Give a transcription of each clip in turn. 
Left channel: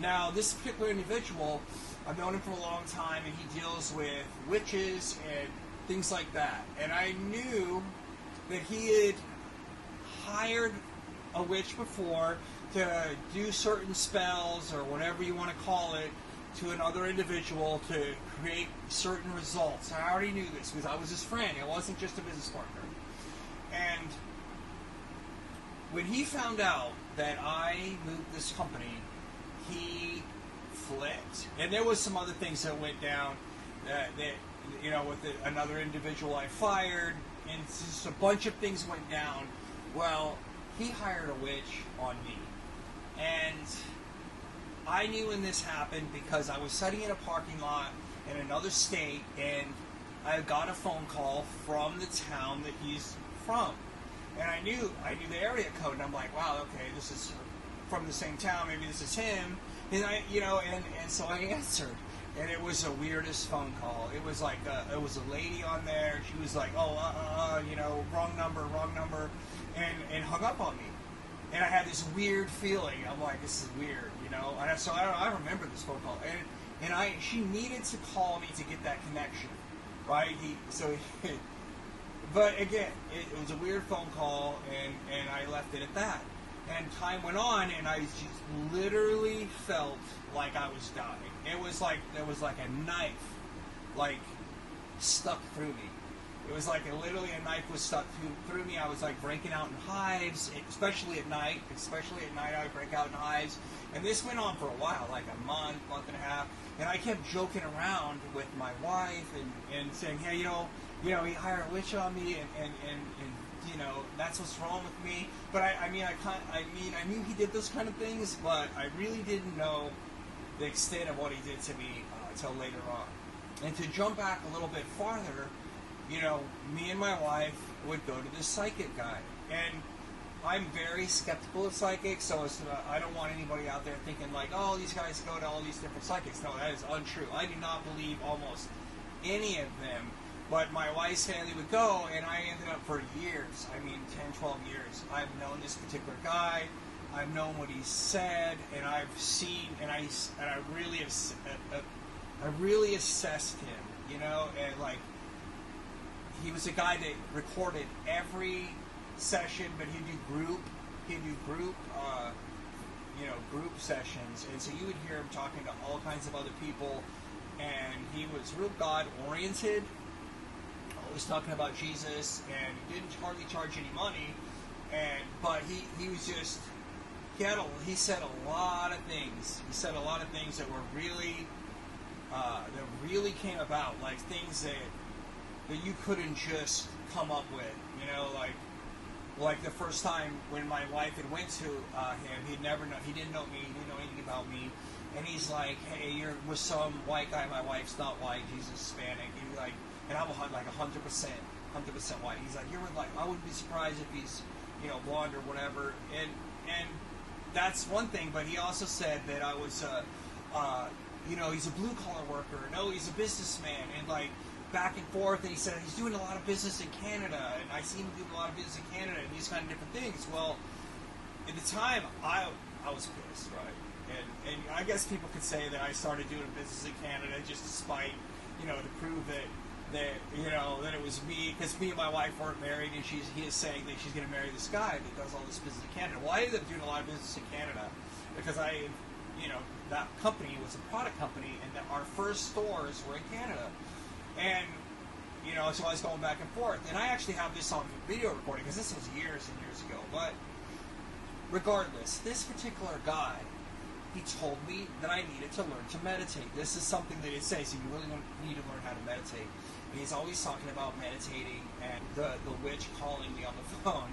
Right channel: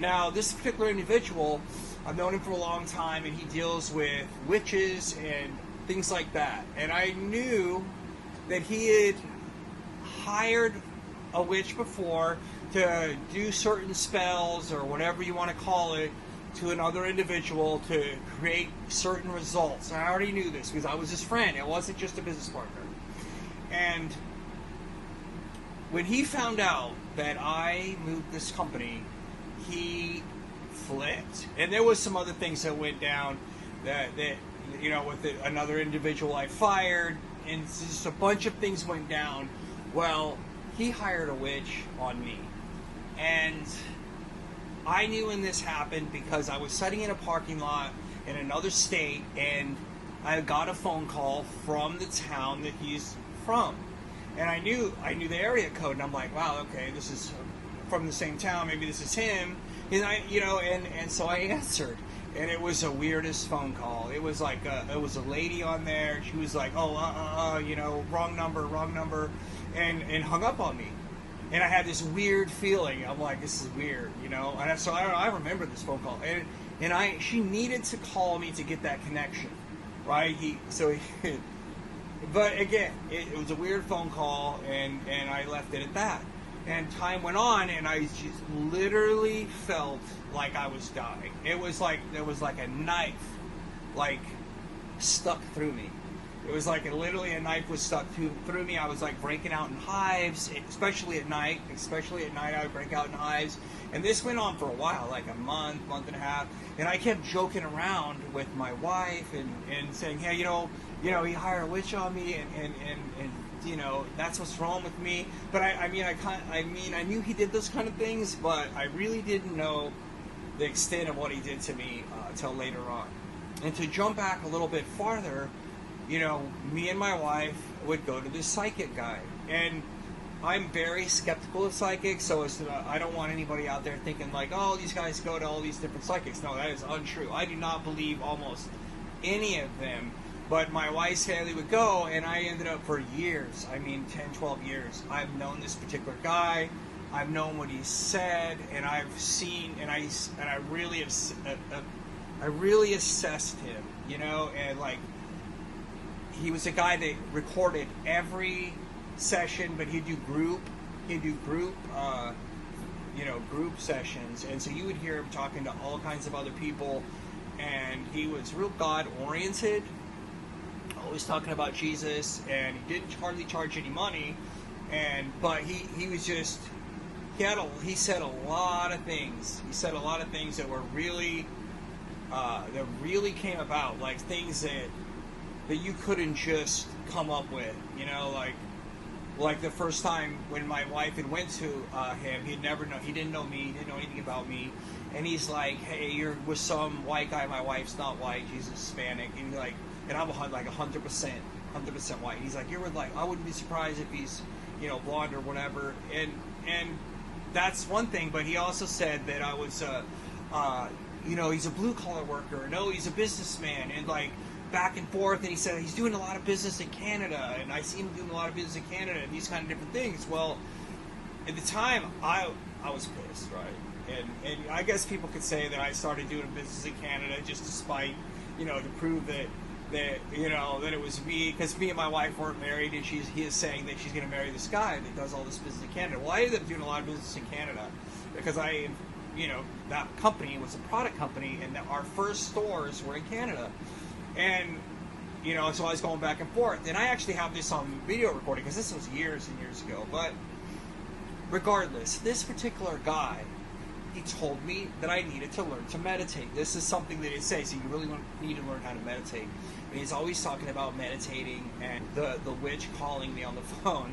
Now, this particular individual, I've known him for a long time, and he deals with witches and things like that. And I knew that he had hired a witch before to do certain spells, or whatever you want to call it, to another individual to create certain results. And I already knew this because I was his friend. It wasn't just a business partner. And when he found out that I moved this company, he flipped. And there was some other things that went down that you know, with another individual I fired, and just a bunch of things went down. Well, he hired a witch on me. And I knew when this happened because I was sitting in a parking lot in another state, and I got a phone call from the town that he's from. And I knew the area code, and I'm like, wow, okay, this is from the same town, maybe this is him. And and so I answered, and it was the weirdest phone call. It was like it was a lady on there. She was like, oh, wrong number, and hung up on me. And I had this weird feeling. I'm like, this is weird, And so I remember this phone call, and she needed to call me to get that connection, right? But again, it was a weird phone call, and I left it at that. And time went on, and I just literally felt like I was dying. It was like there was like a knife, like, stuck through me. It was like literally a knife was stuck through me. I was like breaking out in hives, especially at night. I would break out in hives. And this went on for a while, like a month and a half. And I kept joking around with my wife and saying, hey, he hired a witch on me, and that's what's wrong with me. But I knew he did those kind of things, but I really didn't know the extent of what he did to me until later on. And to jump back a little bit farther, me and my wife would go to this psychic guy, and I'm very skeptical of psychics, so I don't want anybody out there thinking like, oh, these guys go to all these different psychics. No, that is untrue. I do not believe almost any of them. But my wife's family would go, and I ended up for years, 10, 12 years, I've known this particular guy, I've known what he said, and I've seen, and I really assessed him, and like, he was a guy that recorded every session, but he'd do group sessions, and so you would hear him talking to all kinds of other people, and he was real God-oriented, always talking about Jesus, and he didn't hardly charge any money, but he was just, he said a lot of things. He said a lot of things that were really, that really came about, like things that you couldn't just come up with, like the first time when my wife had went to him, he didn't know me, he didn't know anything about me, and he's like, hey, you're with some white guy, my wife's not white, she's Hispanic, and I'm like 100% white. He's like, you're with, like, I wouldn't be surprised if he's, blonde or whatever. And that's one thing. But he also said that I was, he's a blue collar worker. No, he's a businessman. And like back and forth. And he said he's doing a lot of business in Canada. And I see him doing a lot of business in Canada and these kind of different things. Well, at the time, I was pissed, right? And I guess people could say that I started doing business in Canada just to spite, to prove that it was me, because me and my wife weren't married, and he is saying that she's going to marry this guy that does all this business in Canada. Well, I ended up doing a lot of business in Canada because that company was a product company, and our first stores were in Canada. And, so I was going back and forth. And I actually have this on video recording because this was years and years ago. But regardless, this particular guy, he told me that I needed to learn to meditate. This is something that it says, so you really need to learn how to meditate. And he's always talking about meditating, and the witch calling me on the phone.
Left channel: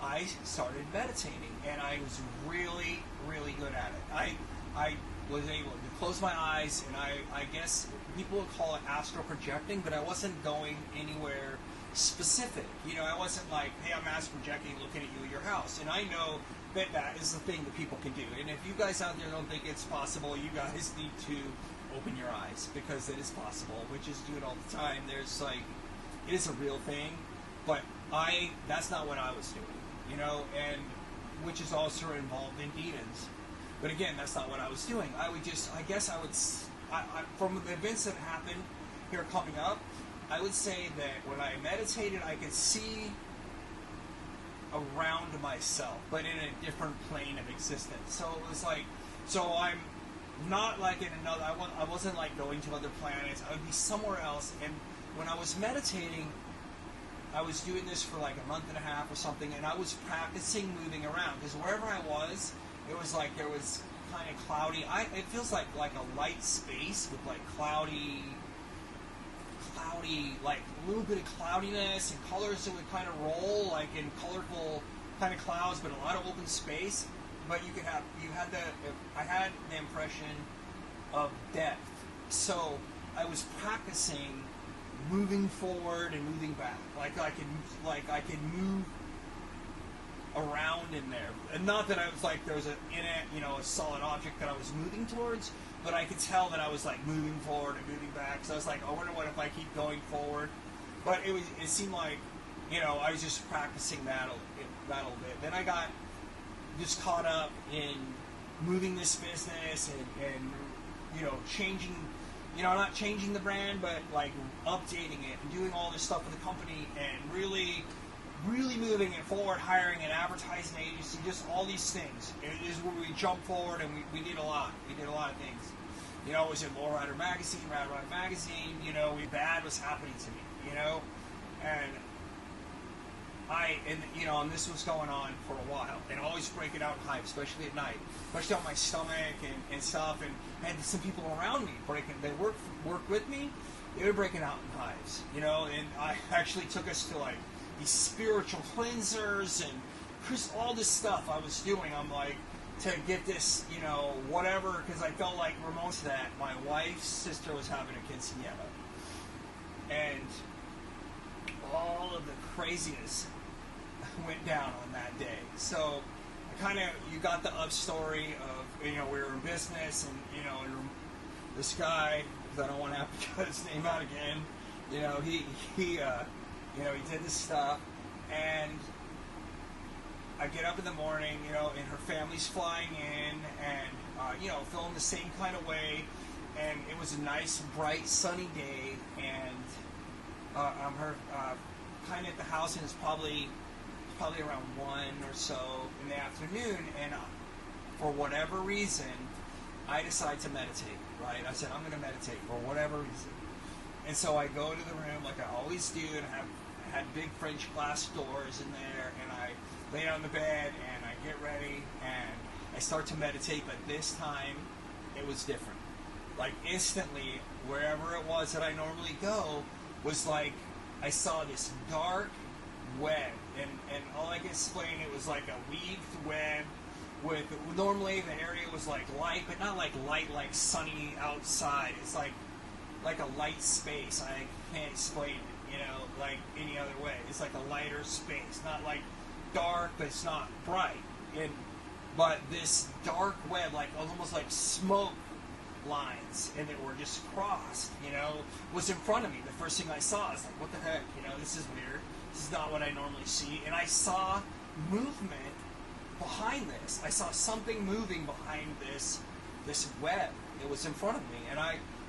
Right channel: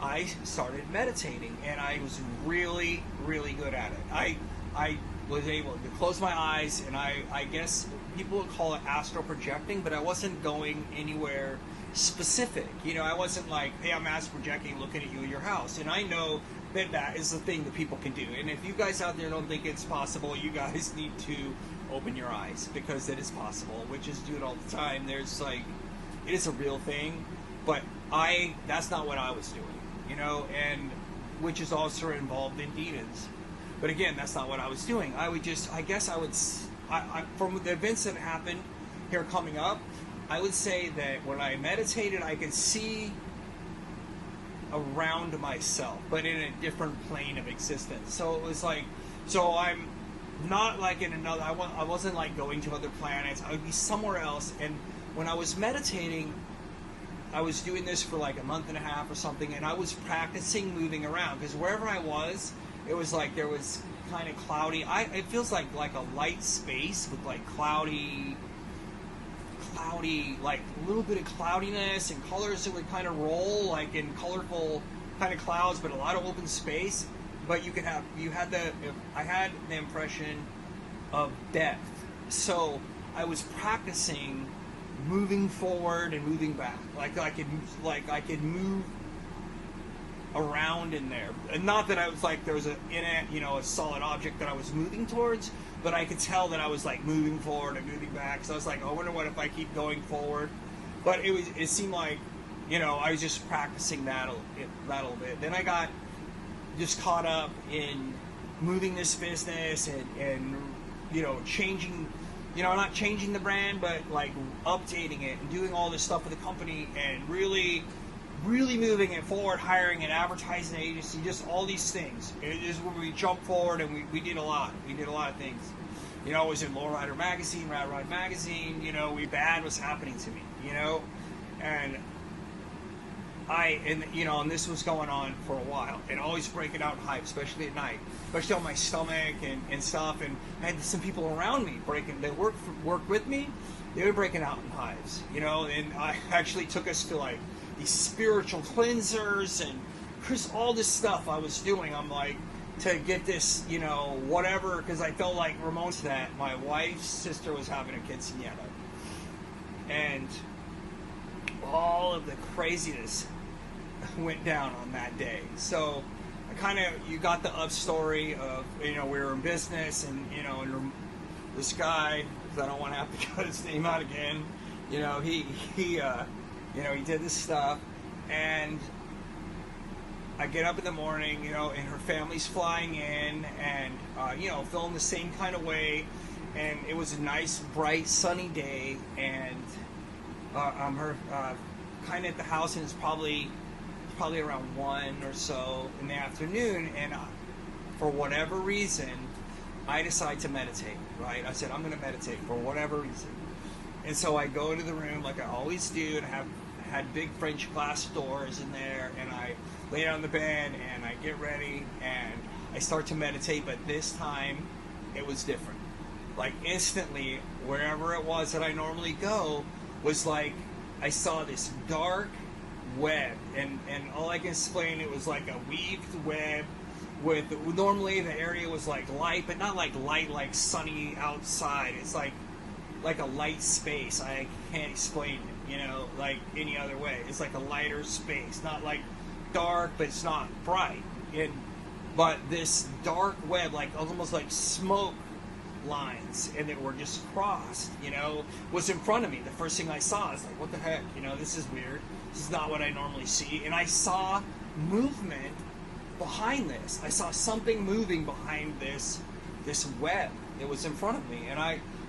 I started meditating, and I was really, really good at it. I was able to close my eyes, and I guess people would call it astral projecting, but I wasn't going anywhere specific. I wasn't like, hey, I'm astral projecting looking at you in your house. And I know that is the thing that people can do. And if you guys out there don't think it's possible, you guys need to open your eyes, because it is possible. Witches do it all the time. There's like, it is a real thing, but that's not what I was doing, and witches also are involved in demons. But again, that's not what I was doing. I would just, I guess I would, from the events that happened here coming up, I would say that when I meditated, I could see around myself, but in a different plane of existence. So it was like, so I'm not like in another, I wasn't like going to other planets. I would be somewhere else. And when I was meditating, I was doing this for like a month and a half or something, and I was practicing moving around, because wherever I was, it was like there was kind of cloudy. It feels like a light space with like cloudy, like a little bit of cloudiness and colors that would kind of roll like in colorful kind of clouds, but a lot of open space. But I had the impression of depth. So I was practicing moving forward and moving back, like I could move around in there. And not that I was like there was a solid object that I was moving towards, but I could tell that I was like moving forward and moving back. So I was like, I wonder what if I keep going forward. But it seemed like, I was just practicing that a little bit. Then I got just caught up in moving this business and changing, not changing the brand, but like updating it and doing all this stuff with the company and really moving it forward, hiring an advertising agency, just all these things. It is where we jumped forward and we did a lot. We did a lot of things. I was in Low Rider Magazine, Rad Ride Magazine, bad was happening to me, and and this was going on for a while, and always breaking out in hives, especially at night, especially on my stomach and stuff, and I had some people around me they work with me, they were breaking out in hives, and I actually took us to like these spiritual cleansers and all this stuff I was doing. I'm like, to get this, whatever, because I felt like Ramon said that my wife's sister was having a quinceañera, and all of the craziness went down on that day. So you got the up story of, we were in business, and and this guy, I don't want to have to cut his name out again, he did this stuff, and I get up in the morning, and her family's flying in, and feeling the same kind of way, and it was a nice, bright, sunny day, and I'm kind of at the house, and it's probably around 1 or so in the afternoon, and for whatever reason, I decide to meditate, right? I said, I'm going to meditate for whatever reason. And so I go to the room like I always do, and I had big French glass doors in there, and I lay down on the bed, and I get ready, and I start to meditate, but this time, it was different. Like, instantly, wherever it was that I normally go, was like, I saw this dark web, and all I can explain, it was like a weaved web with, normally the area was like light, but not like light like sunny outside. It's like a light space. I can't explain it, like any other way. It's like a lighter space, not like dark, but it's not bright. But this dark web, like almost like smoke lines, and that were just crossed, was in front of me. The first thing I saw, I was like, what the heck, this is weird. This is not what I normally see. And I saw movement behind this. I saw something moving behind this web. It was in front of me,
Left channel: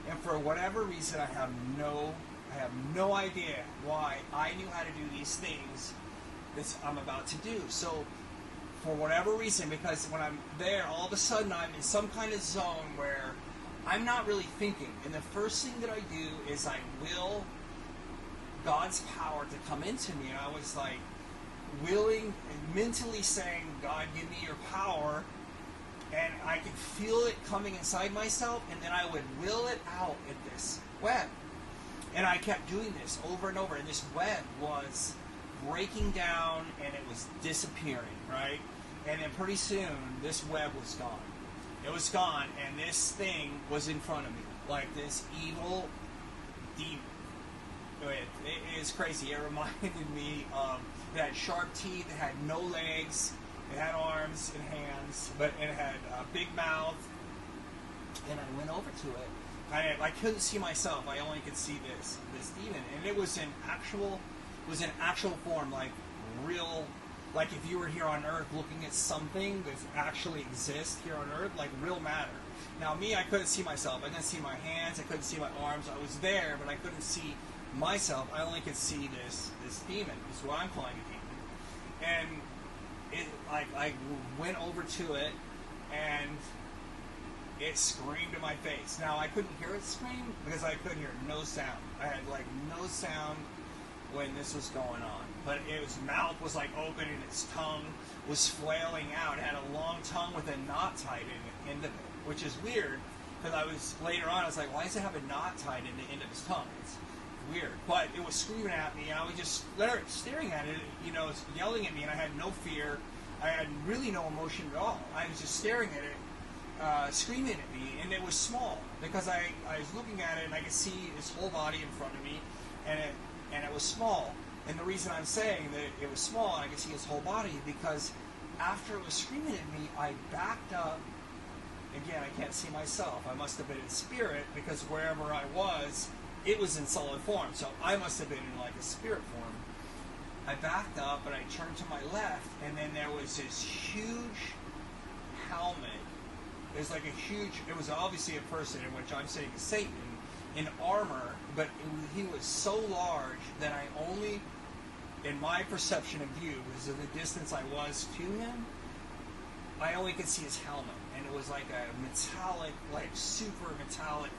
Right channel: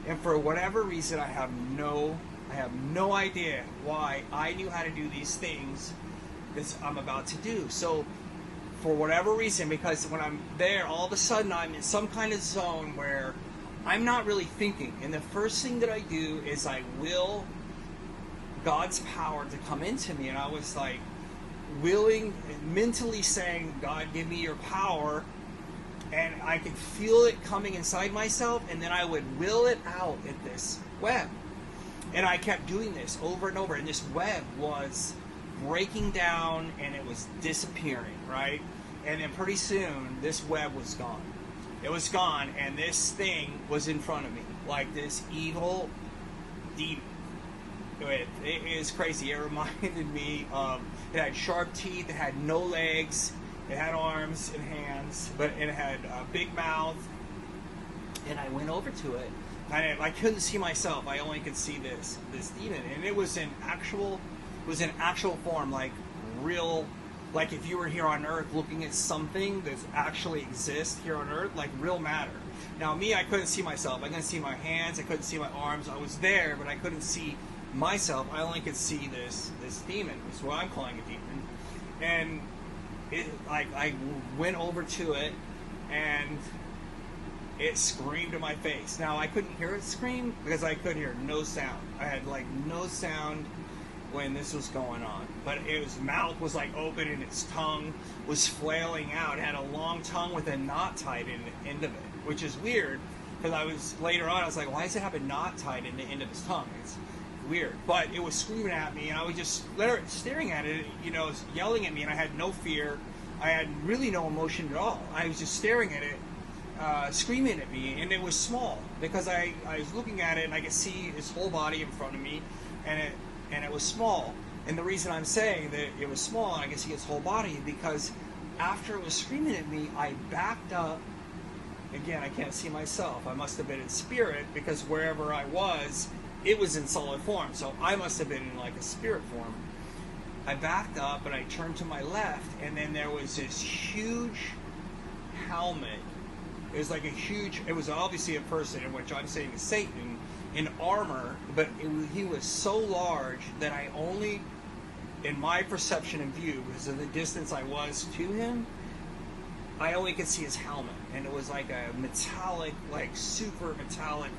and for whatever reason, I have no idea why I knew how to do these things that I'm about to do. So for whatever reason, because when I'm there, all of a sudden I'm in some kind of zone where I'm not really thinking, and the first thing that I do is I will God's power to come into me, and I was like willing, mentally saying, God, give me your power, and I could feel it coming inside myself, and then I would will it out at this web. And I kept doing this over and over, and this web was breaking down, and it was disappearing, right? And then pretty soon, this web was gone. It was gone, and this thing was in front of me, like this evil demon. It is crazy. It reminded me of, it had sharp teeth, it had no legs, it had arms and hands, but it had a big mouth, and I went over to it. I couldn't see myself. I only could see this demon, and it was in actual form, like real like if you were here on Earth looking at something that actually exists here on Earth, like real matter. Now me, I couldn't see myself. I couldn't see my hands. I couldn't see my arms. I was there, but I couldn't see myself. I only could see this demon. Is what I'm calling a demon. And I went over to it, and it screamed in my face. Now I couldn't hear it scream because I could hear no sound. I had like no sound when this was going on, but its mouth was like open and its tongue was flailing out. It had a long tongue with a knot tied in the end of it, which is weird because later on I was like, why does it have a knot tied in the end of its tongue? It's weird. But it was screaming at me, and I was just staring at it, it was yelling at me, and I had no fear. I had really no emotion at all. I was just staring at it, screaming at me, and it was small because I was looking at it and I could see its whole body in front of me, and it was small. And the reason I'm saying that it was small and I could see its whole body because after it was screaming at me, I backed up. Again, I can't see myself. I must have been in spirit because wherever I was, it was in solid form. So I must have been in like a spirit form. I backed up and I turned to my left, and then there was this huge helmet. It was like it was obviously a person, in which I'm saying is Satan, in armor, but he was so large that I only, in my perception and view, because of the distance I was to him, I only could see his helmet. And it was like a metallic, like super metallic,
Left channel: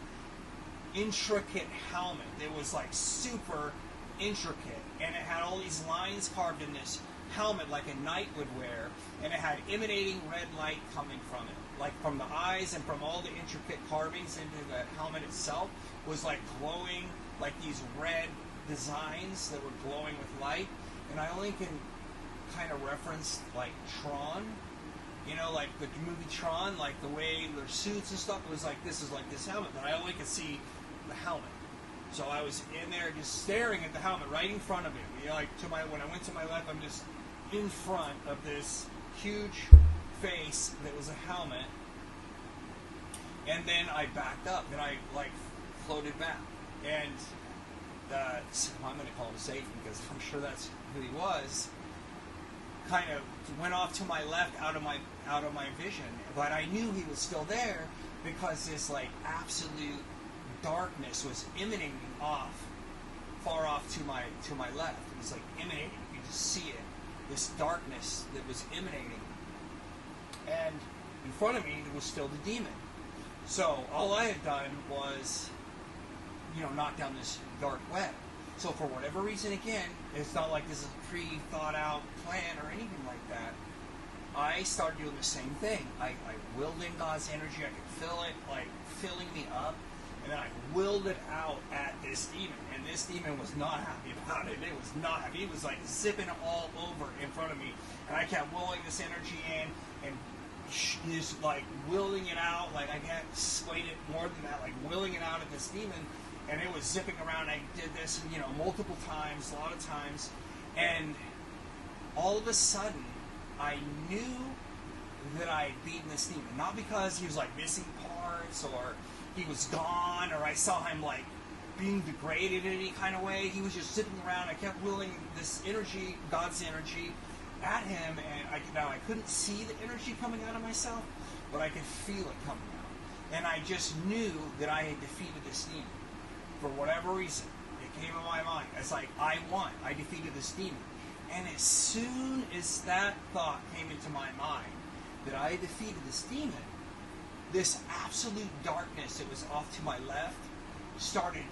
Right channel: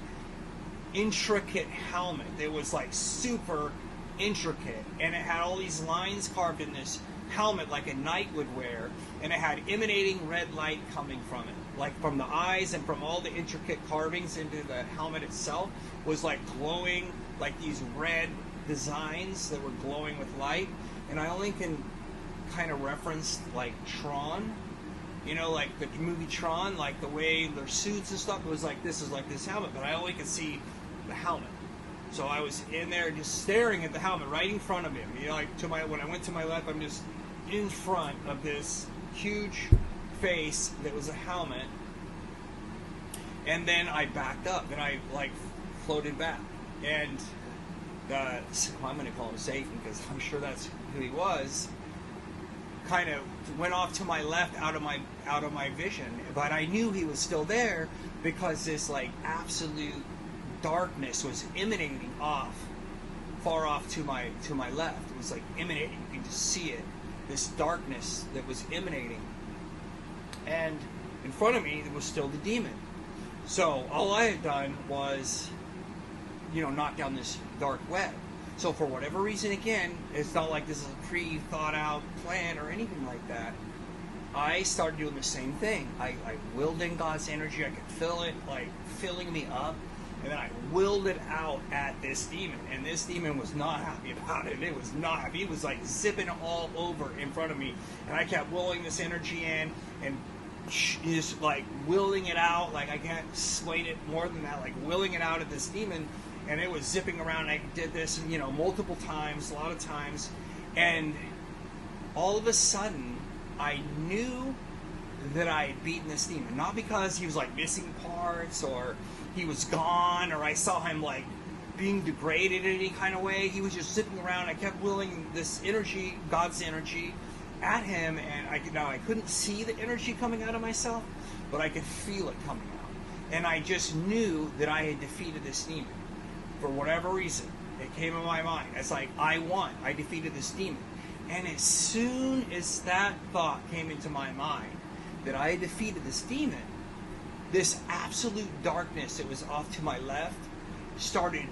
intricate helmet. It was like super intricate, and it had all these lines carved in this helmet like a knight would wear, and it had emanating red light coming from it, like from the eyes and from all the intricate carvings into the helmet itself was like glowing, like these red designs that were glowing with light. And I only can kind of reference like Tron, like the movie Tron, like the way their suits and stuff was like this helmet, but I only could see the helmet. So I was in there just staring at the helmet right in front of him. When I went to my left, I'm just in front of this huge face that was a helmet. And then I backed up and I floated back. And I'm going to call him Satan because I'm sure that's who he was. Kind of went off to my left out of my vision, but I knew he was still there because this absolute darkness was emanating far off to my left. It was emanating. You could just see it. This darkness that was emanating, and in front of me there was still the demon. So all I had done was, knock down this dark web. So for whatever reason, again, it's not like this is a pre-thought out plan or anything like that. I started doing the same thing. I willed in God's energy. I could feel it filling me up. And then I willed it out at this demon. And this demon was not happy about it. It was not happy. It was zipping all over in front of me. And I kept willing this energy in and just willing it out. I can't explain it more than that. Willing it out at this demon. And it was zipping around. I did this, multiple times, a lot of times. And all of a sudden, I knew that I had beaten this demon. Not because he was missing parts or he was gone or I saw him being degraded in any kind of way. He was just zipping around. I kept willing this energy, God's energy, at him, and I couldn't see the energy coming out of myself, but I could feel it coming out. And I just knew that I had defeated this demon. For whatever reason, it came in my mind. It's I won. I defeated this demon. And as soon as that thought came into my mind that I had defeated this demon, this absolute darkness that was off to my left started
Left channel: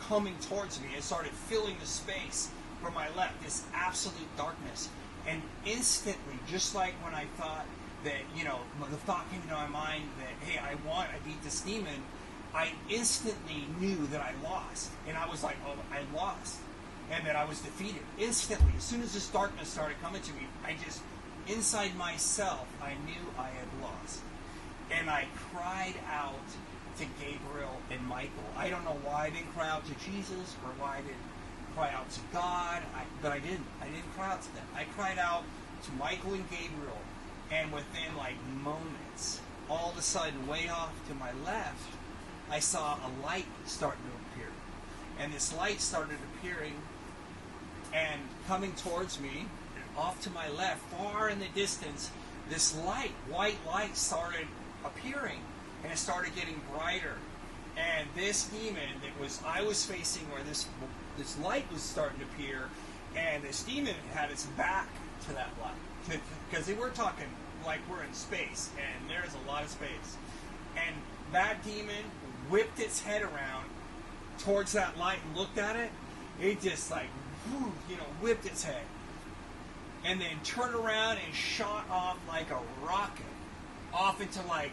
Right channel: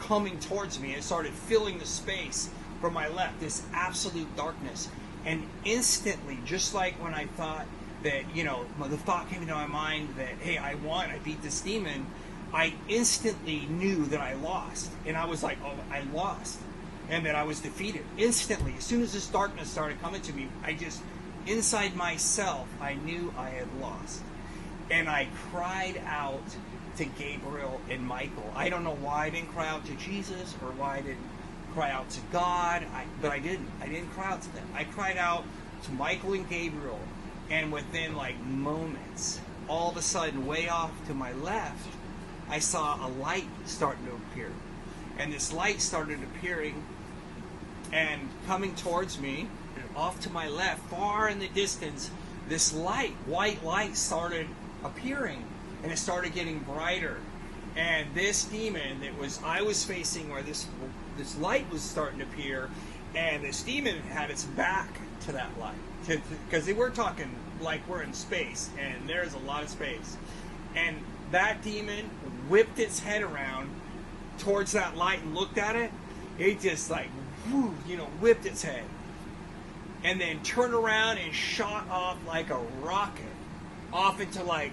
coming towards me. It started filling the space from my left, this absolute darkness. And instantly, just like when I thought that, the thought came into my mind that, hey, I won, I beat this demon, I instantly knew that I lost. And I was like, oh, I lost. And that I was defeated. Instantly, as soon as this darkness started coming to me, inside myself, I knew I had lost. And I cried out to Gabriel and Michael. I don't know why I didn't cry out to Jesus or why I didn't cry out to God, but I didn't. I didn't cry out to them. I cried out to Michael and Gabriel, and within moments, all of a sudden, way off to my left, I saw a light starting to appear. And this light started appearing and coming towards me. off to my left, far in the distance, this light, white light, started appearing, and it started getting brighter. And this demon that I was facing, where this light was starting to appear, and this demon had its back to that light, because we're talking like we're in space, and there's a lot of space. And that demon whipped its head around towards that light and looked at it. It just like, whipped its head, and then turned around and shot off like a rocket off into like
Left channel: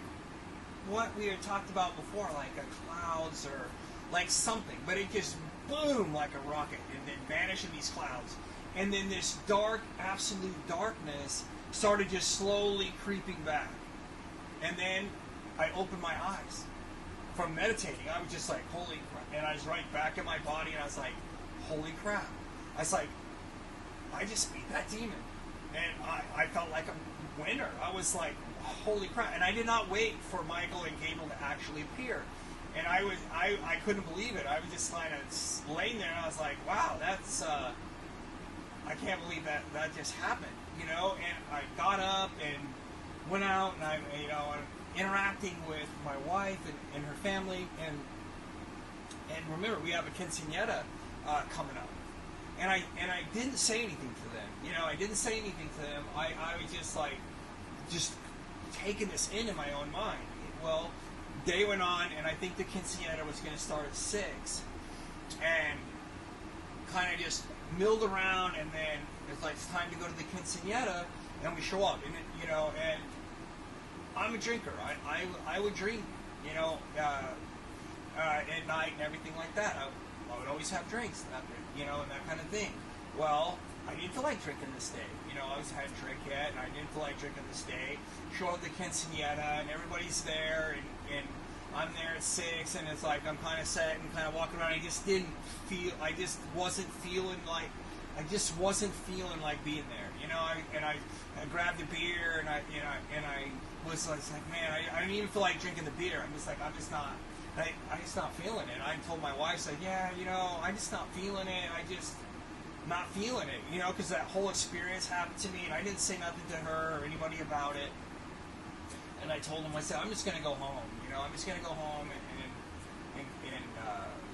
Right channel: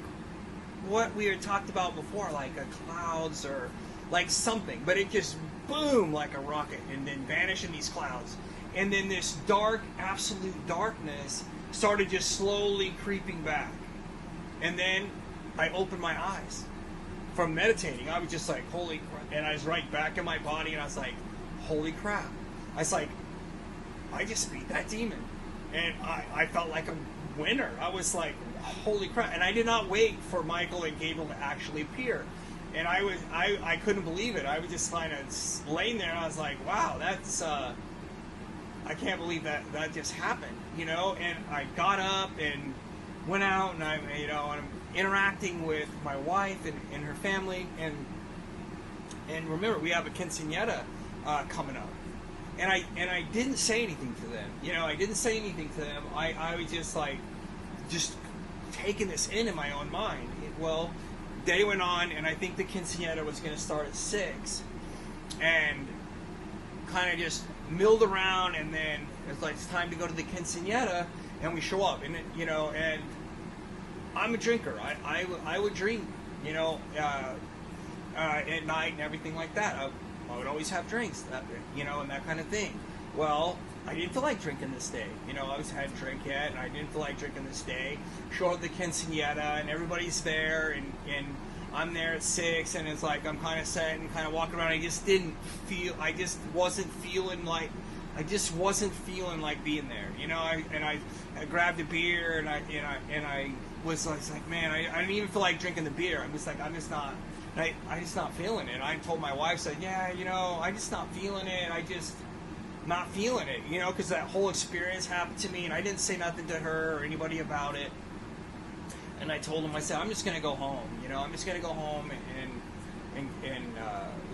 what we had talked about before, like a clouds or like something. But it just boom like a rocket, and then vanished in these clouds. And then this dark, absolute darkness started just slowly creeping back. And then I opened my eyes from meditating. I was just like, holy crap. And I was right back in my body, and I was like, holy crap. I was like, I just beat that demon. And I felt like a winner. I was like, holy crap. And I did not wait for Michael and Gabriel to actually appear. And I couldn't believe it. I was just kind of laying there, and I was like, wow, that's, I can't believe that just happened, And I got up and went out, and I'm interacting with my wife and her family, and remember, we have a quinceañera coming up, and I didn't say anything to them. I didn't say anything to them. I was just taking this in my own mind. Well, day went on, and I think the quinceañera was going to start at 6, and kind of just milled around, and then it's like, it's time to go to the quinceañera, and we show up, and and I'm a drinker. I would drink, at night and everything like that. I would always have drinks, and that kind of thing. Well, I didn't feel like drinking this day. I hadn't drank yet, and I didn't feel like drinking this day. Show up at the quinceañera, and everybody's there, and I'm there at 6, and it's like I'm kind of set and kind of walking around. I just wasn't feeling like being there. I grabbed a beer, and I was like, man, I didn't even feel like drinking the beer. I'm just not feeling it. And I told my wife, said, yeah, I just not feeling it. I just not feeling it, because that whole experience happened to me, and I didn't say nothing to her or anybody about it. And I told him, I said, I'm just going to go home. I'm just going to go home and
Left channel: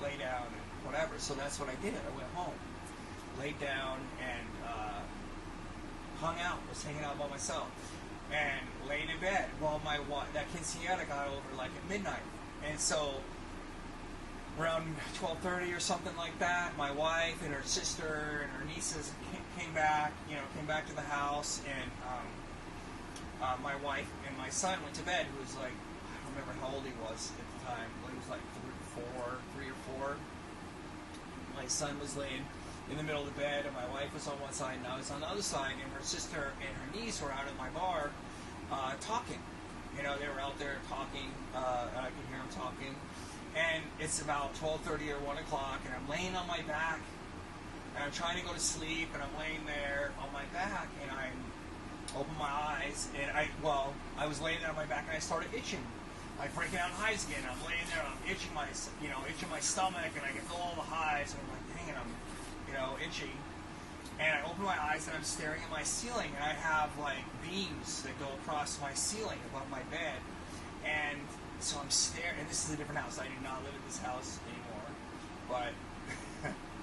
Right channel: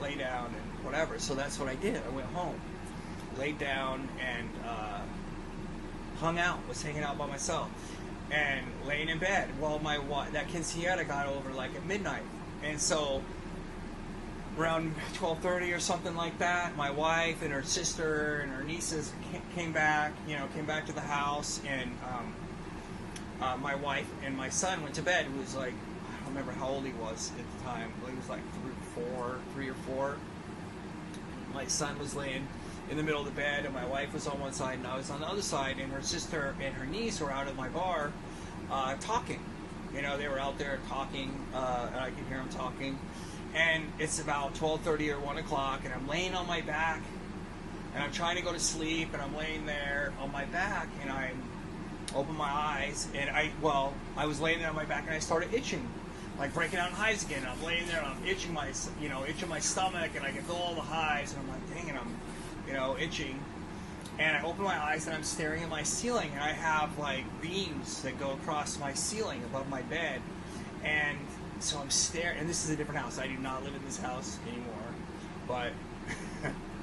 lay down and whatever. So that's what I did. I went home, laid down, and hung out. Was hanging out by myself and laying in bed. Well, that quinceañera got over like at midnight, and so around 12:30 or something like that, my wife and her sister and her nieces came back to the house, and my wife and my son went to bed. He was like, I don't remember how old he was at the time, but he was like 3 or 4. My son was laying in the middle of the bed, and my wife was on one side, and I was on the other side, and her sister and her niece were out at my bar talking. They were out there talking, and I could hear them talking. And it's about 12:30 or 1 o'clock, and I'm laying on my back, and I'm trying to go to sleep, and I'm laying there on my back, and I open my eyes, and I was laying there on my back, and I started itching, like breaking out in hives again. I'm laying there, and I'm itching my stomach, and I can feel all the hives, and I'm like, dang it, I'm, itching. And I open my eyes, and I'm staring at my ceiling, and I have like beams that go across my ceiling above my bed, and so I'm staring, and this is a different house. I do not live in this house anymore, but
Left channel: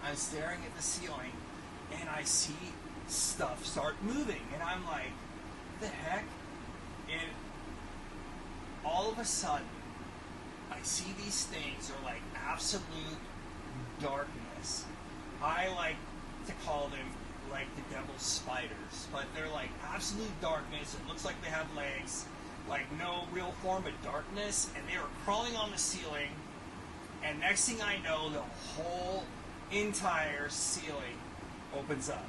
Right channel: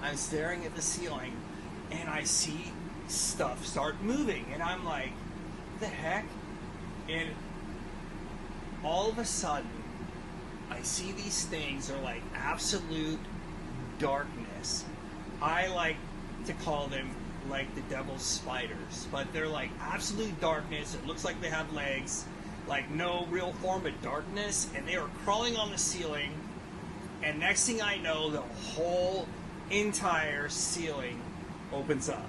I'm staring at the ceiling, and I see stuff start moving, and I'm like, what the heck? And all of a sudden, I see these things are like absolute darkness. I like to call them like the devil's spiders, but they're like absolute darkness. It looks like they have legs, like no real form of darkness, and they were crawling on the ceiling, and next thing I know, the whole entire ceiling opens up,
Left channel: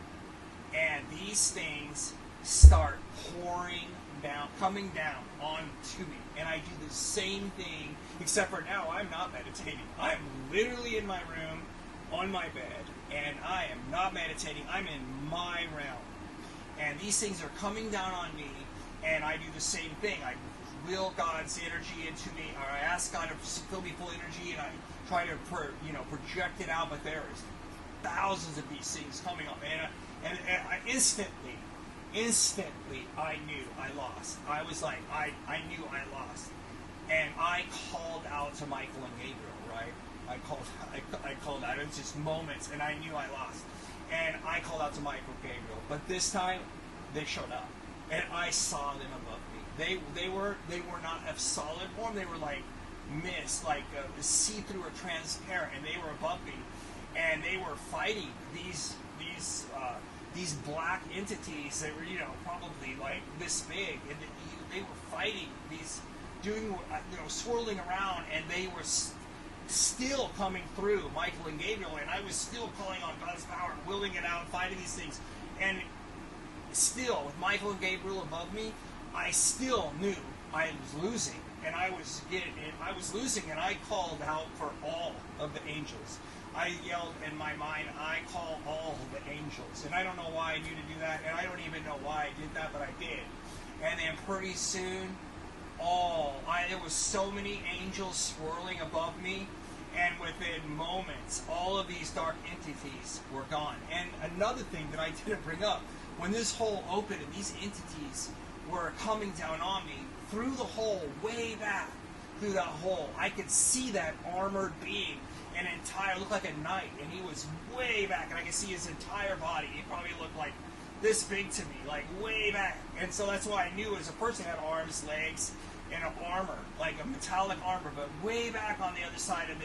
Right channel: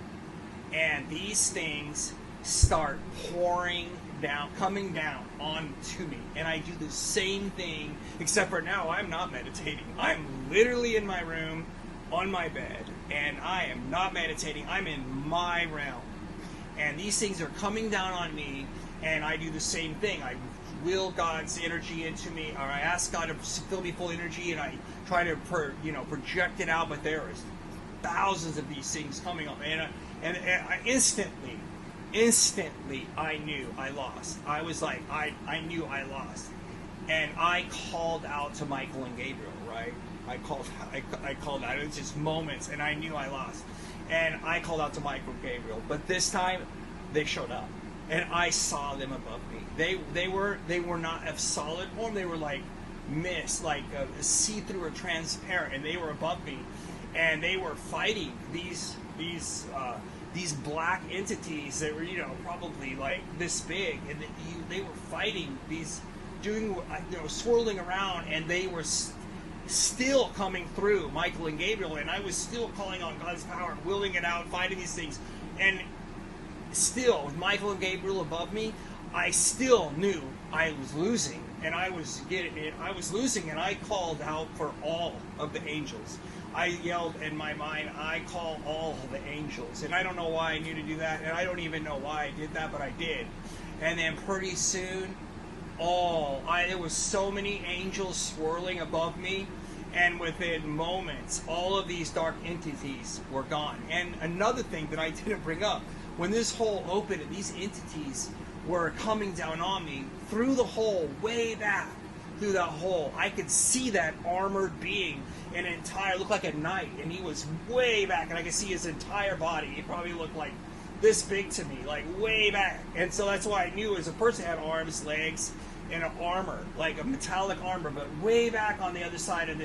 and these things start pouring down, coming down onto me, and I do the same thing, except for now I'm not meditating. I'm literally in my room, on my bed, and I am not meditating. I'm in my realm, and these things are coming down on me, and I do the same thing. I will God's energy into me, or I ask God to fill me full energy, and I try to project it out, but there is thousands of these things coming up, And instantly, I knew I lost. I was like, I knew I lost. And I called out to Michael and Gabriel, right? I called out. It was just moments, and I knew I lost. And I called out to Michael and Gabriel. But this time, they showed up. And I saw them above me. They were not of solid form. They were like mist, like see-through or transparent, and they were above me. And they were fighting these black entities that were, probably like this big, and they were fighting these, swirling around, and they were still coming through Michael and Gabriel, and I was still calling on God's power and willing it out, fighting these things, and still with Michael and Gabriel above me, I still knew I was losing, and I was losing, and I called out for all of the angels. I yelled in my mind, I call all the angels. And I don't know why I knew to do that, and I don't even know why I did that, but I did. And then pretty soon, there was so many angels swirling above me, and within moments, all of these dark entities were gone. And another thing that I didn't bring up, when this hole opened and these entities were coming down on me, through the hole, way back through that hole, I could see that armored being, looked like a knight, and he was way back, and I could see his entire body. He probably looked like this big to me, like way back. And so that's why I knew as a person had arms, legs, and an armor, like a metallic armor, but way back on the other side of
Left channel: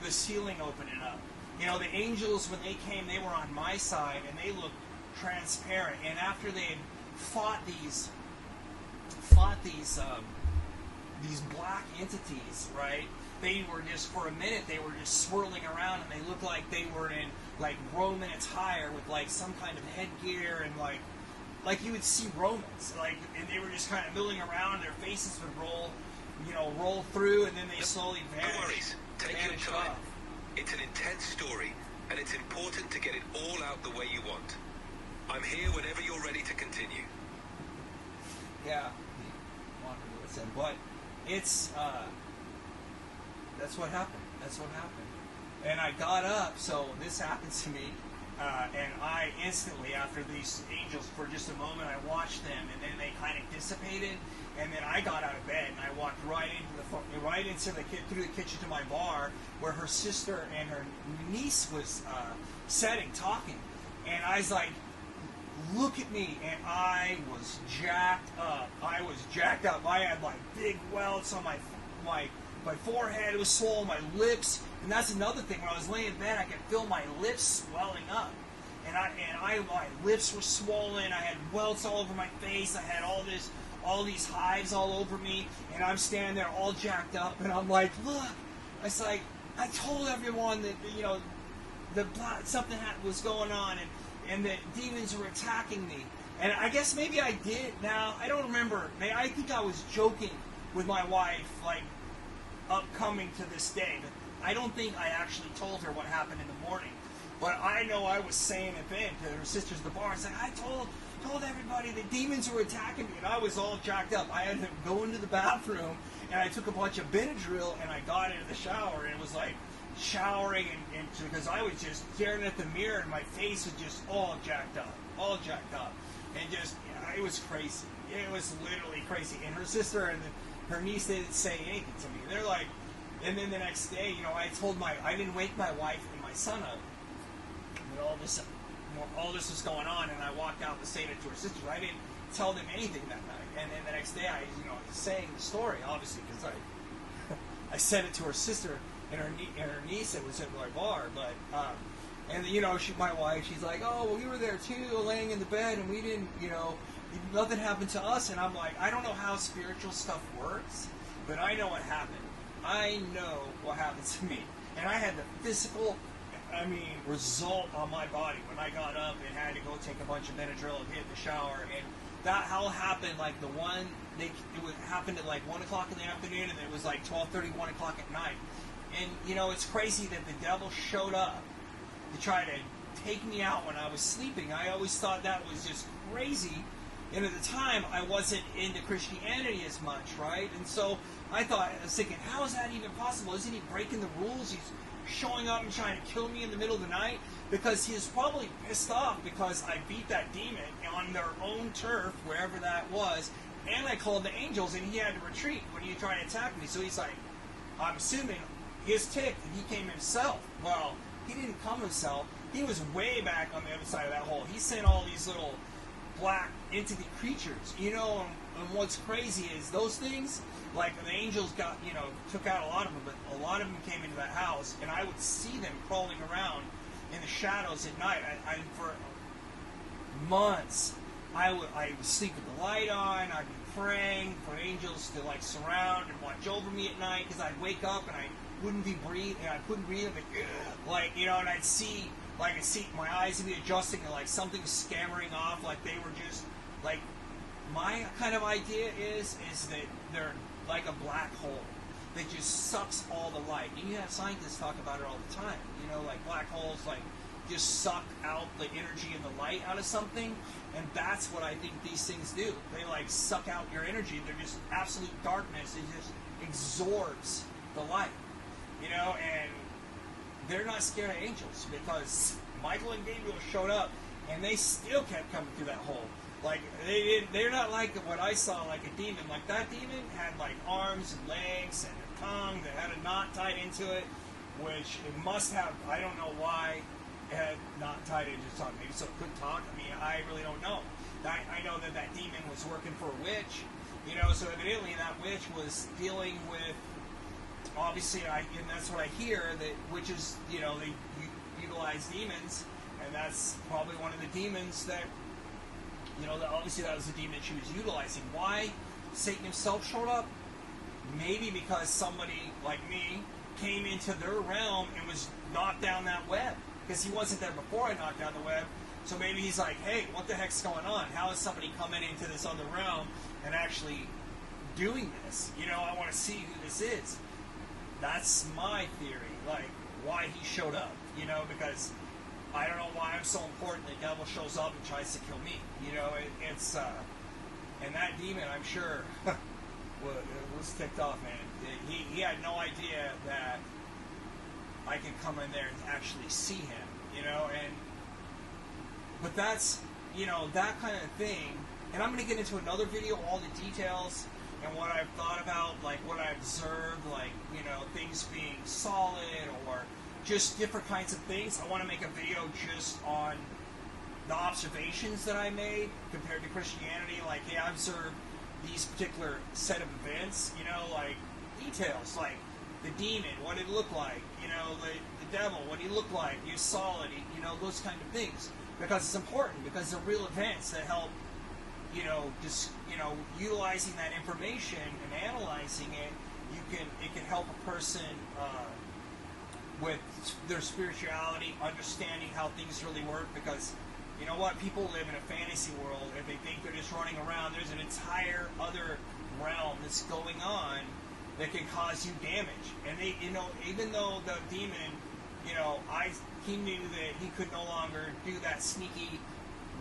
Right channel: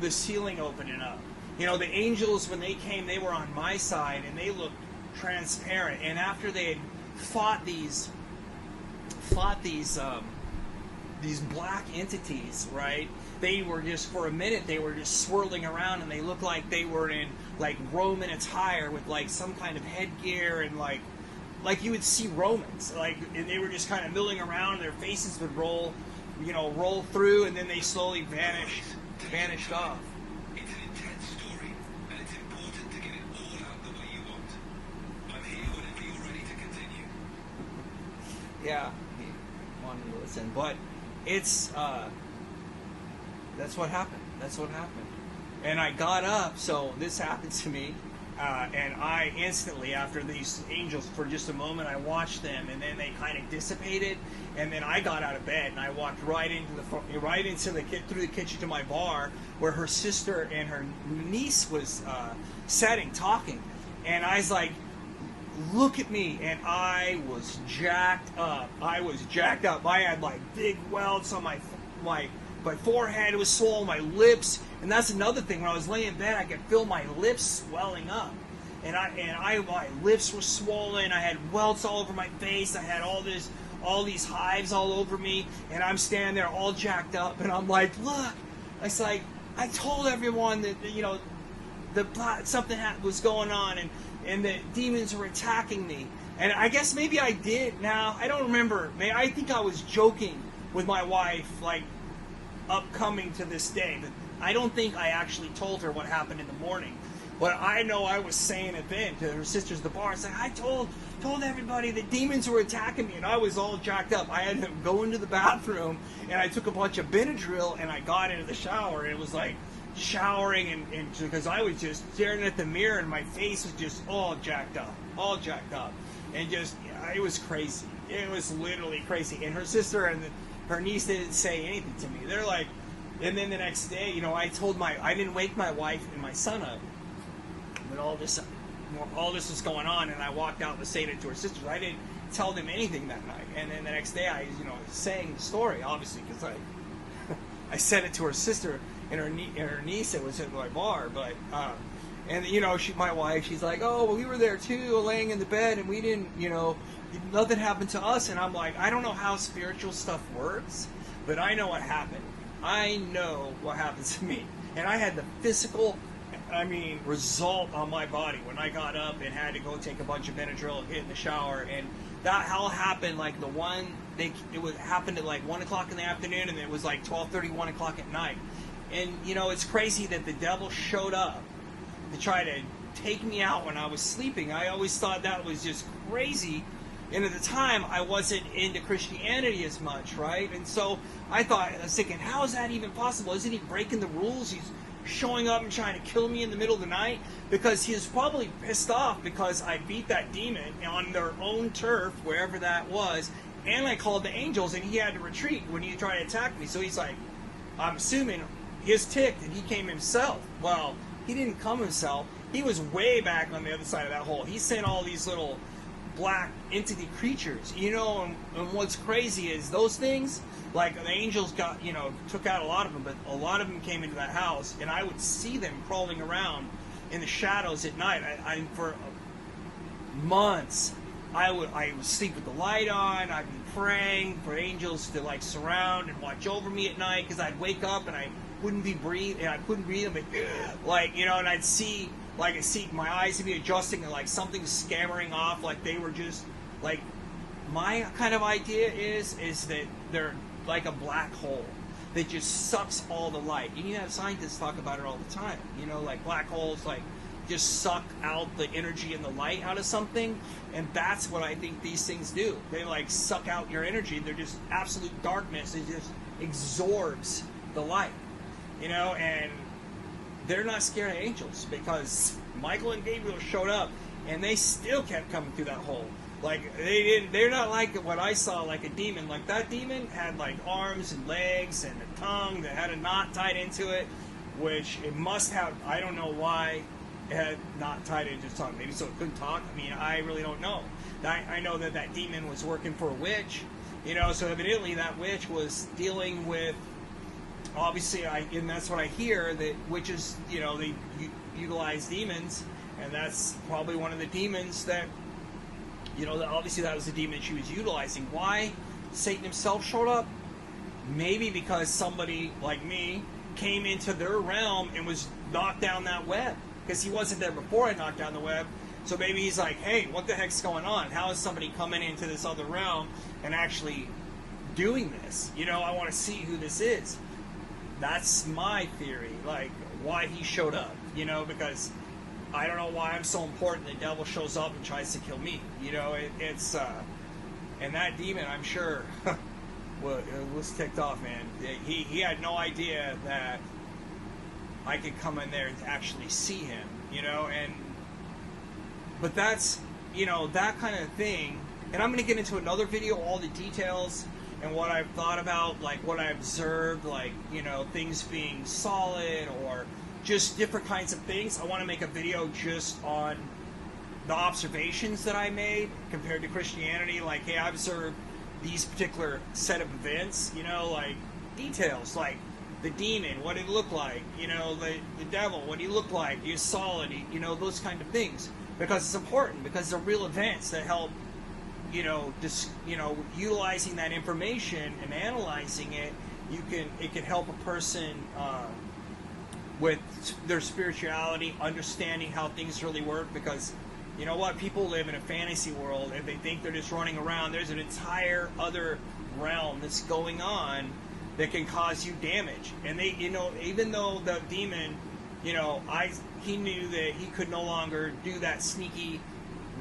the ceiling opening up. The angels, when they came, they were on my side, and they looked transparent. And after they had fought these black entities, right? They were just, for a minute, they were just swirling around, and they looked like they were in like Roman attire with like some kind of headgear, and like you would see Romans, and they were just kind of milling around. Their faces would roll through, and then they slowly vanished off. It's an intense story, and it's important to get it all out the way you want. I'm here whenever you're ready to continue. Yeah, he wanted to listen, but it's that's what happened. And I got up, so this happened to me, and I instantly, after these angels, for just a moment, I watched them, and then they kind of dissipated, and then I got out of bed, and I walked right through the kitchen to my bar, where her sister and her niece was sitting, talking, and I was like, look at me, and I was jacked up. I had like big welts on my forehead. It was swollen, my lips, and that's another thing. When I was laying in bed, I could feel my lips swelling up, and my lips were swollen. I had welts all over my face. I had all these hives all over me, and I'm standing there all jacked up, and I'm like, look. It's like, I told everyone that something was going on, and that demons were attacking me. And I guess maybe I did. Now, I don't remember. I think I was joking with my wife, like, upcoming to this day. But I don't think I actually told her what happened in the morning. But I know I was saying it then to her sisters at the bar. It's like, I told everybody that demons were attacking me, and I was all jacked up. I had to go into the bathroom, and I took a bunch of Benadryl, and I got into the shower, and it was like showering, and because I was just staring at the mirror, and my face was just all jacked up, and just, it was crazy. It was literally crazy. And her sister and her niece didn't say anything to me. They're like, and then the next day, I didn't wake my wife and my son up, and all this was going on, and I walked out and saying it to her sister. I didn't tell them anything that night. And then the next day, I sang the story, obviously, because I said it to her sister and her niece that was at my bar. But my wife, she's like, oh, well, we were there too, laying in the bed, and we didn't, nothing happened to us. And I'm like, I don't know how spiritual stuff works, but I know what happened. I know what happened to me, and I had the physical, result on my body when I got up and had to go take a bunch of Benadryl and get in the shower. And that all happened like happened at like 1 o'clock in the afternoon, and it was like 12:30, 1 o'clock at night. And it's crazy that the devil showed up to try to take me out when I was sleeping. I always thought that was just crazy, and at the time I wasn't into Christianity as much, right? And so I was thinking, how is that even possible? Isn't he breaking the rules? showing up and trying to kill me in the middle of the night, because he was probably pissed off because I beat that demon on their own turf, wherever that was, and I called the angels, and he had to retreat when he tried to attack me. So he's like, I'm assuming he's ticked, and he came himself. Well, he didn't come himself. He was way back on the other side of that hole. He sent all these little black entity creatures, you know, and what's crazy is those things, like the angels got, you know, took out a lot of them, but a lot of them came into that house, and I would see them crawling around in the shadows at night. I for months, I would sleep with the light on. I'd be praying for angels to like surround and watch over me at night, because I'd wake up and I wouldn't be breathing, and I couldn't breathe, but like, you know, and I'd see, like, my eyes would be adjusting, and like something's scattering off, like they were just like, my kind of idea is that they're like a black hole that just sucks all the light. And you have scientists talk about it all the time. You know, like black holes, like just suck out the energy and the light out of something, and that's what I think these things do. They like suck out your energy. They're just absolute darkness. It just absorbs the light. You know, and they're not scared of angels, because Michael and Gabriel showed up, and they still kept coming through that hole. Like, they're not like what I saw, like a demon. Like, that demon had, like, arms and legs and a tongue that had a knot tied into it, which it must have, I don't know why it had not tied into its tongue. Maybe so it couldn't talk. I mean, I really don't know. I know that that demon was working for a witch, you know, so evidently that witch was dealing with, obviously, and that's what I hear, that witches, you know, they utilize demons, and that's probably one of the demons that, you know, obviously that was the demon she was utilizing. Why Satan himself showed up? Maybe because somebody like me came into their realm and was knocked down that web, because he wasn't there before I knocked down the web. So maybe he's like, hey, what the heck's going on? How is somebody coming into this other realm and actually doing this? You know, I want to see who this is. That's my theory, like, why he showed up, you know, because I don't know why I'm so important. The devil shows up and tries to kill me, you know, it's, and that demon, I'm sure, was ticked off, man. He had no idea that I could come in there to actually see him, you know, but that's, you know, that kind of thing, and I'm going to get into another video, all the details, and what I've thought about, like what I observed, like, you know, things being solid or just different kinds of things. I want to make a video just on the observations that I made compared to Christianity. Like, hey, I observed these particular set of events, you know, like details, like the demon, what it looked like, you know, the devil, what he looked like, the assault, you know, those kind of things. Because it's important, because they're real events that help, you know, just, you know, utilizing that information and analyzing it, it can help a person with their spirituality, understanding how things really work. Because, you know what, people live in a fantasy world, and they think they're just running around. There's an entire other realm that's going on that can cause you damage. And they, you know, even though the demon, you know, he knew that he could no longer do that sneaky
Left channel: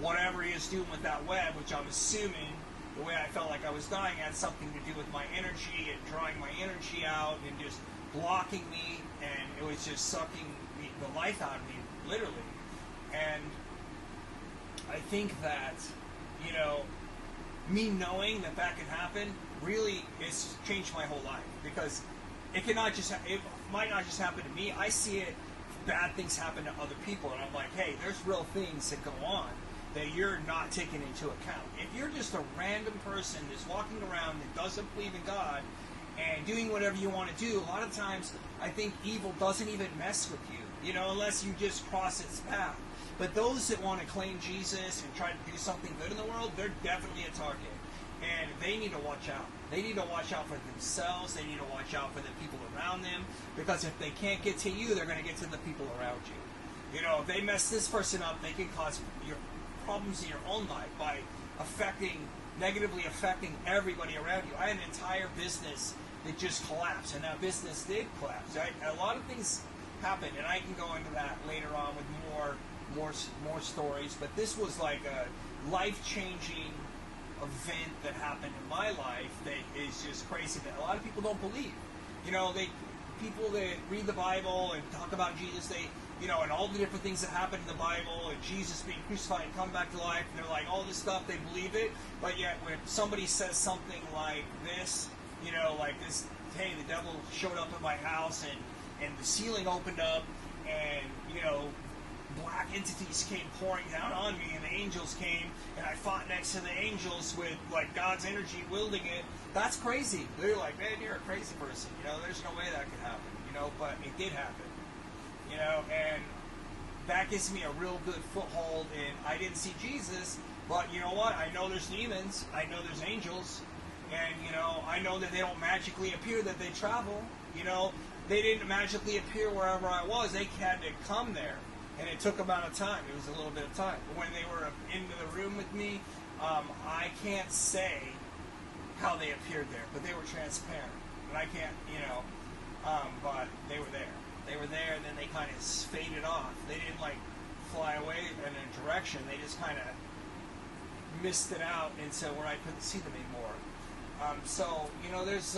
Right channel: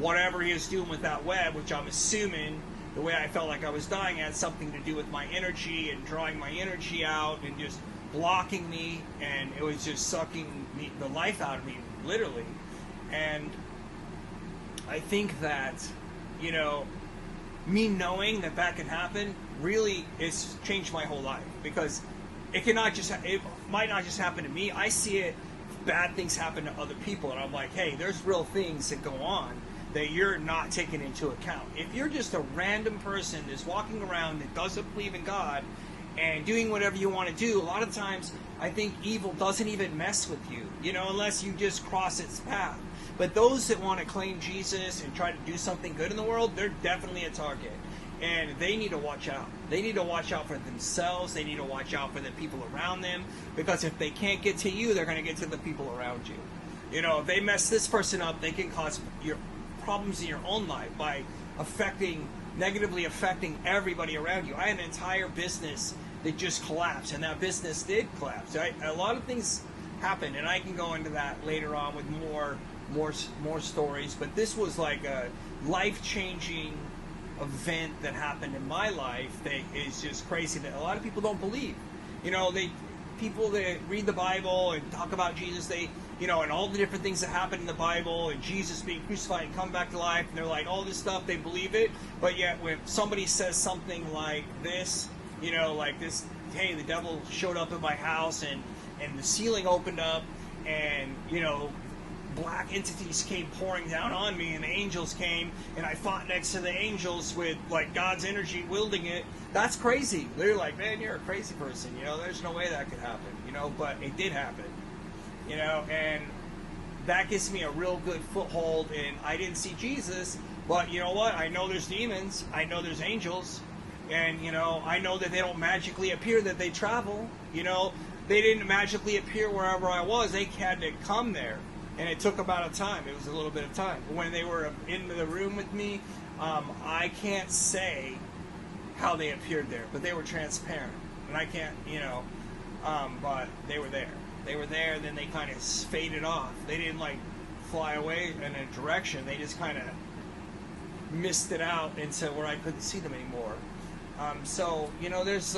whatever he was doing with that web, which I'm assuming the way I felt like I was dying had something to do with my energy and drawing my energy out and just blocking me, and it was just sucking the life out of me, literally. And I think that, you know, me knowing that that can happen, really, it's changed my whole life, because it might not just happen to me. I see it, bad things happen to other people, and I'm like, hey, there's real things that go on that you're not taking into account. If you're just a random person that's walking around that doesn't believe in God and doing whatever you want to do, a lot of times I think evil doesn't even mess with you, you know, unless you just cross its path. But those that want to claim Jesus and try to do something good in the world, they're definitely a target. And they need to watch out. They need to watch out for themselves. They need to watch out for the people around them. Because if they can't get to you, they're going to get to the people around you. You know, if they mess this person up, they can cause your problems in your own life by negatively affecting everybody around you. I had an entire business that just collapsed, and that business did collapse. A lot of things happened, and I can go into that later on with more stories. But this was like a life-changing event that happened in my life that is just crazy, that a lot of people don't believe. You know, people that read the Bible and talk about Jesus, they, you know, and all the different things that happen in the Bible, and Jesus being crucified and come back to life, and they're like, all this stuff, they believe it, but yet when somebody says something like this, you know, like this, hey, the devil showed up at my house, and the ceiling opened up, and, you know, black entities came pouring down on me, and the angels came, and I fought next to the angels with, like, God's energy wielding it. That's crazy. They're like, man, you're a crazy person, you know, there's no way that could happen, you know, but it did happen, you know, and that gives me a real good foothold, and I didn't see Jesus, but you know what, I know there's demons, I know there's angels, and, you know, I know that they don't magically appear, that they travel, you know, they didn't magically appear wherever I was, they had to come there. And it took about a time. It was a little bit of time. But when they were in the room with me, I can't say how they appeared there, but they were transparent. And I can't, you know, but they were there. They were there, and then they kind of faded off. They didn't, like, fly away in a direction. They just kind of misted out into where I couldn't see them anymore. So, you know, there's,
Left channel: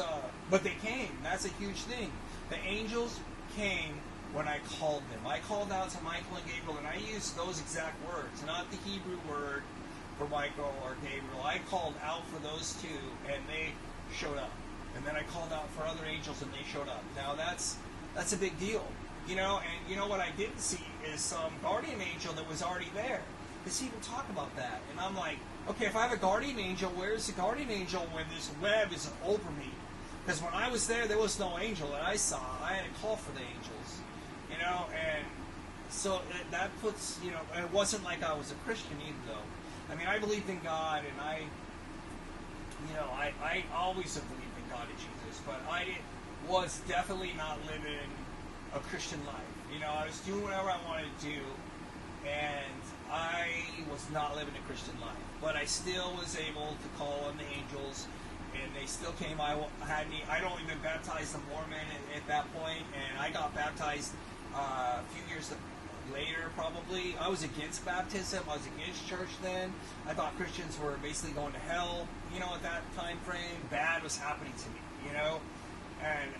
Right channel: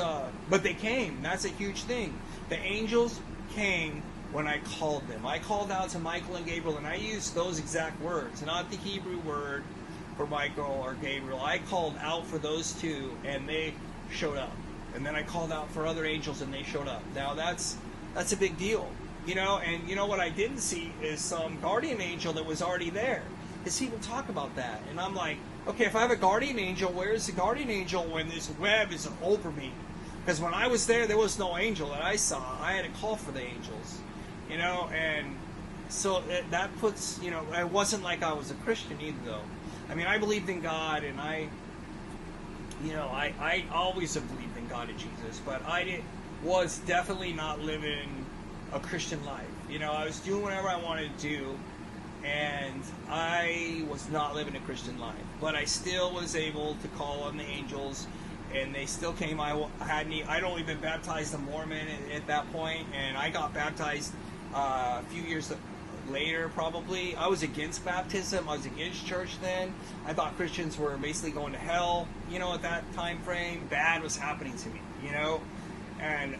but they came. That's a huge thing. The angels came when I called them. I called out to Michael and Gabriel, and I used those exact words, not the Hebrew word for Michael or Gabriel. I called out for those two, and they showed up. And then I called out for other angels, and they showed up. Now that's a big deal, you know. And you know what I didn't see is some guardian angel that was already there. Does he even talk about that? And I'm like, okay, if I have a guardian angel, where's the guardian angel when this web is over me? Because when I was there was no angel that I saw. I had to call for the angels. You know, and so that puts, you know, it wasn't like I was a Christian either, though. I mean, I believed in God, and I always have believed in God and Jesus, but I was definitely not living a Christian life. You know, I was doing whatever I wanted to do, and I was not living a Christian life. But I still was able to call on the angels, and they still came. I'd only been baptized a Mormon at that point, and I got baptized a few years later, probably. I was against baptism. I was against church then. I thought Christians were basically going to hell, you know, at that time frame. Bad was happening to me, you know. And